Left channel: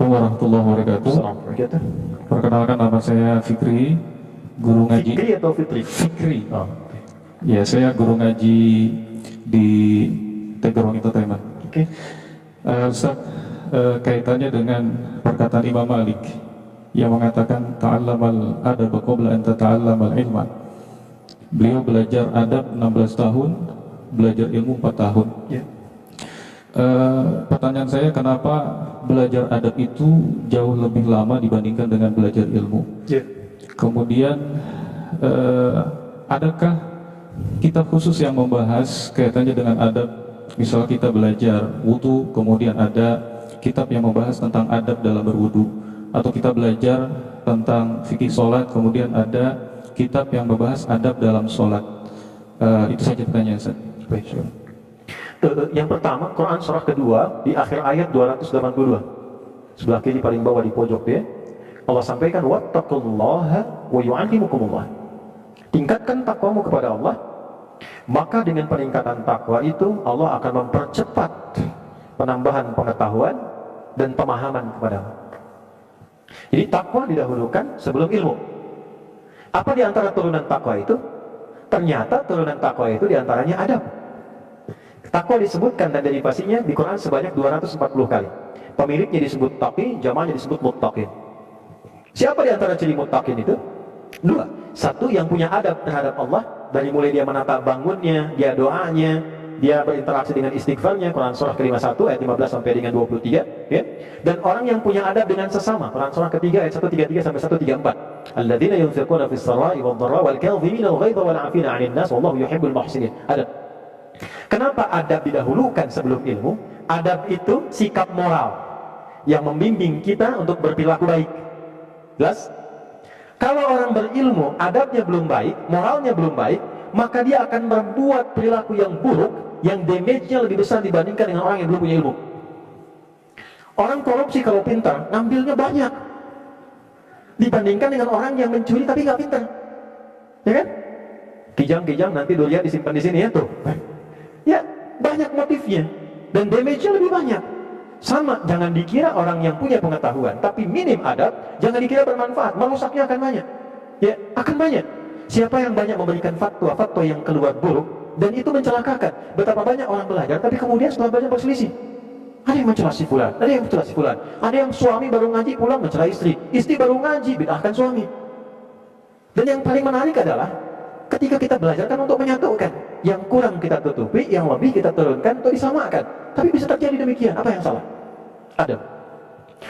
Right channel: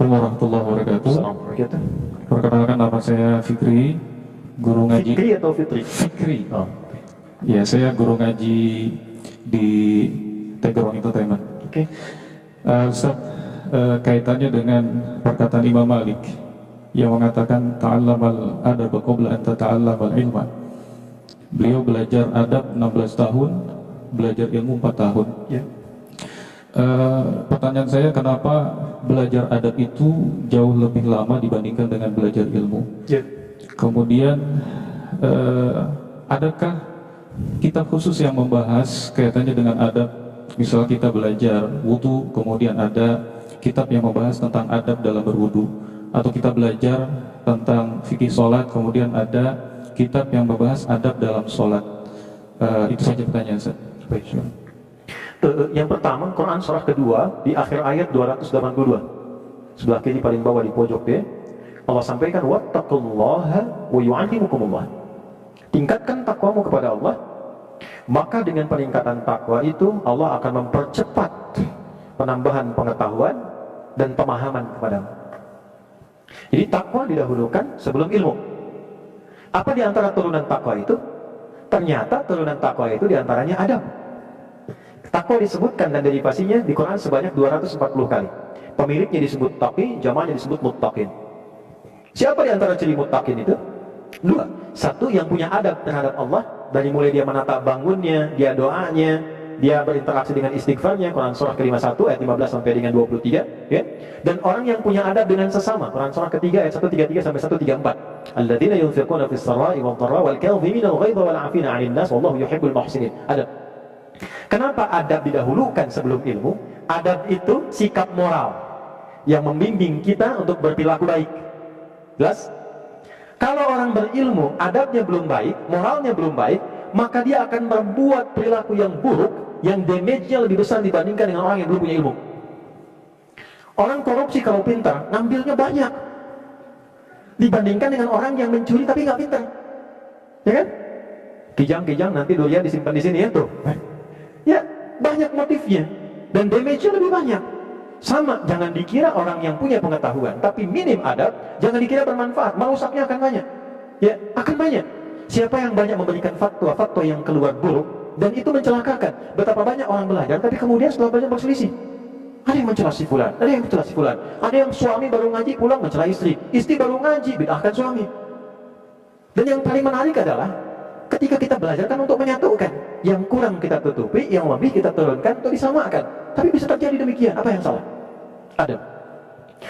Warahmatullahi wabarakatuh. Assalamualaikum. Perkenalkan, nama saya Fikri, guru ngaji. Fikri atau Fitri? Fikri. Oh. Ya, saya guru ngaji di Tegerong Entertainment. Oke. Ustaz, kaitannya dengan perkataan Imam Malik yang mengatakan ta'allamal adab qabla an tata'allamal ilma. Beliau belajar adab 16 tahun, belajar ilmu 4 tahun. Ya. Pertanyaan saya, kenapa belajar adab itu jauh lebih lama dibandingkan dengan belajar ilmu? Ya. Kemudian adakah kitab khusus yang membahas kaitannya dengan adab? Misal kita belajar wudu, kemudian ada kitab yang membahas tentang adab dalam berwudu, atau kita belajar tentang fikih sholat, kemudian ada kitab yang membahas adab dalam sholat. Itu saja pertanyaan saya. Baik. Yang pertama, Quran surah kedua di akhir ayat 282, sebelah kiri paling bawah di pojok dia, Allah sampaikan wattaqullaha wa yu'allimukumullah. Tingkatkan takwamu kepada Allah, maka dengan peningkatan takwa itu Allah akan mempercepat penambahan pengetahuan dan pemahaman kepadamu. Jadi takwa didahulukan sebelum ilmu. Apa di antara turunan takwa itu? Ternyata turunan takwa itu diantaranya adab. Takwa disebutkan dan derivasinya di Quran sebanyak 240 kali. Pemiliknya disebut taqi, jamaknya disebut muttaqin. Siapa di antara ciri muttaqin itu? Dua. Satu, yang punya adab terhadap Allah, dari mulai dia menata bangunnya, dia doanya, dia berinteraksi dengan istighfarnya, Quran surah ke-51 ayat 15 sampai dengan 23, ya. Dan orang yang punya adab dengan sesama, Quran surah ketiga ayat 133 sampai 134. Alladzina yunfiquna fis sarai wad dharra wal kadhimina al ghaidha wal 'afina 'anil nas wallahu yuhibbul muhsinin. Adab. Kenapa adab didahulukan sebelum ilmu? Adab itu sikap moral yang membimbing kita untuk berperilaku baik. Jelas? Kalau orang berilmu, adabnya belum baik, moralnya belum baik, maka dia akan membuat perilaku yang buruk, yang damage-nya lebih besar dibandingkan dengan orang yang belum punya ilmu. Orang korupsi kalau pintar, ngambilnya banyak, dibandingkan dengan orang yang mencuri tapi nggak pintar. Ya kan? Kijang-kijang nanti durian disimpan di sini ya tuh. Ya, banyak motifnya dan damage-nya lebih banyak. Sama, jangan dikira orang yang punya pengetahuan tapi minim adab, jangan dikira bermanfaat, merusaknya akan banyak. Ya, akan banyak. Siapa yang banyak memberikan fatwa-fatwa yang keluar buruk dan itu mencelakakan. Betapa banyak orang belajar tapi kemudian setelah belajar berselisih. Ada yang mencela si fulan, ada yang mencela si fulan. Ada yang suami baru ngaji pulang mencela istri, istri baru ngaji bid'ahkan suami. Dan yang paling menarik adalah ketika kita belajar kan untuk menyatukan, yang kurang kita tutupi, yang lebih kita turunkan atau disamakan. Tapi bisa terjadi demikian. Apa yang salah? Adab.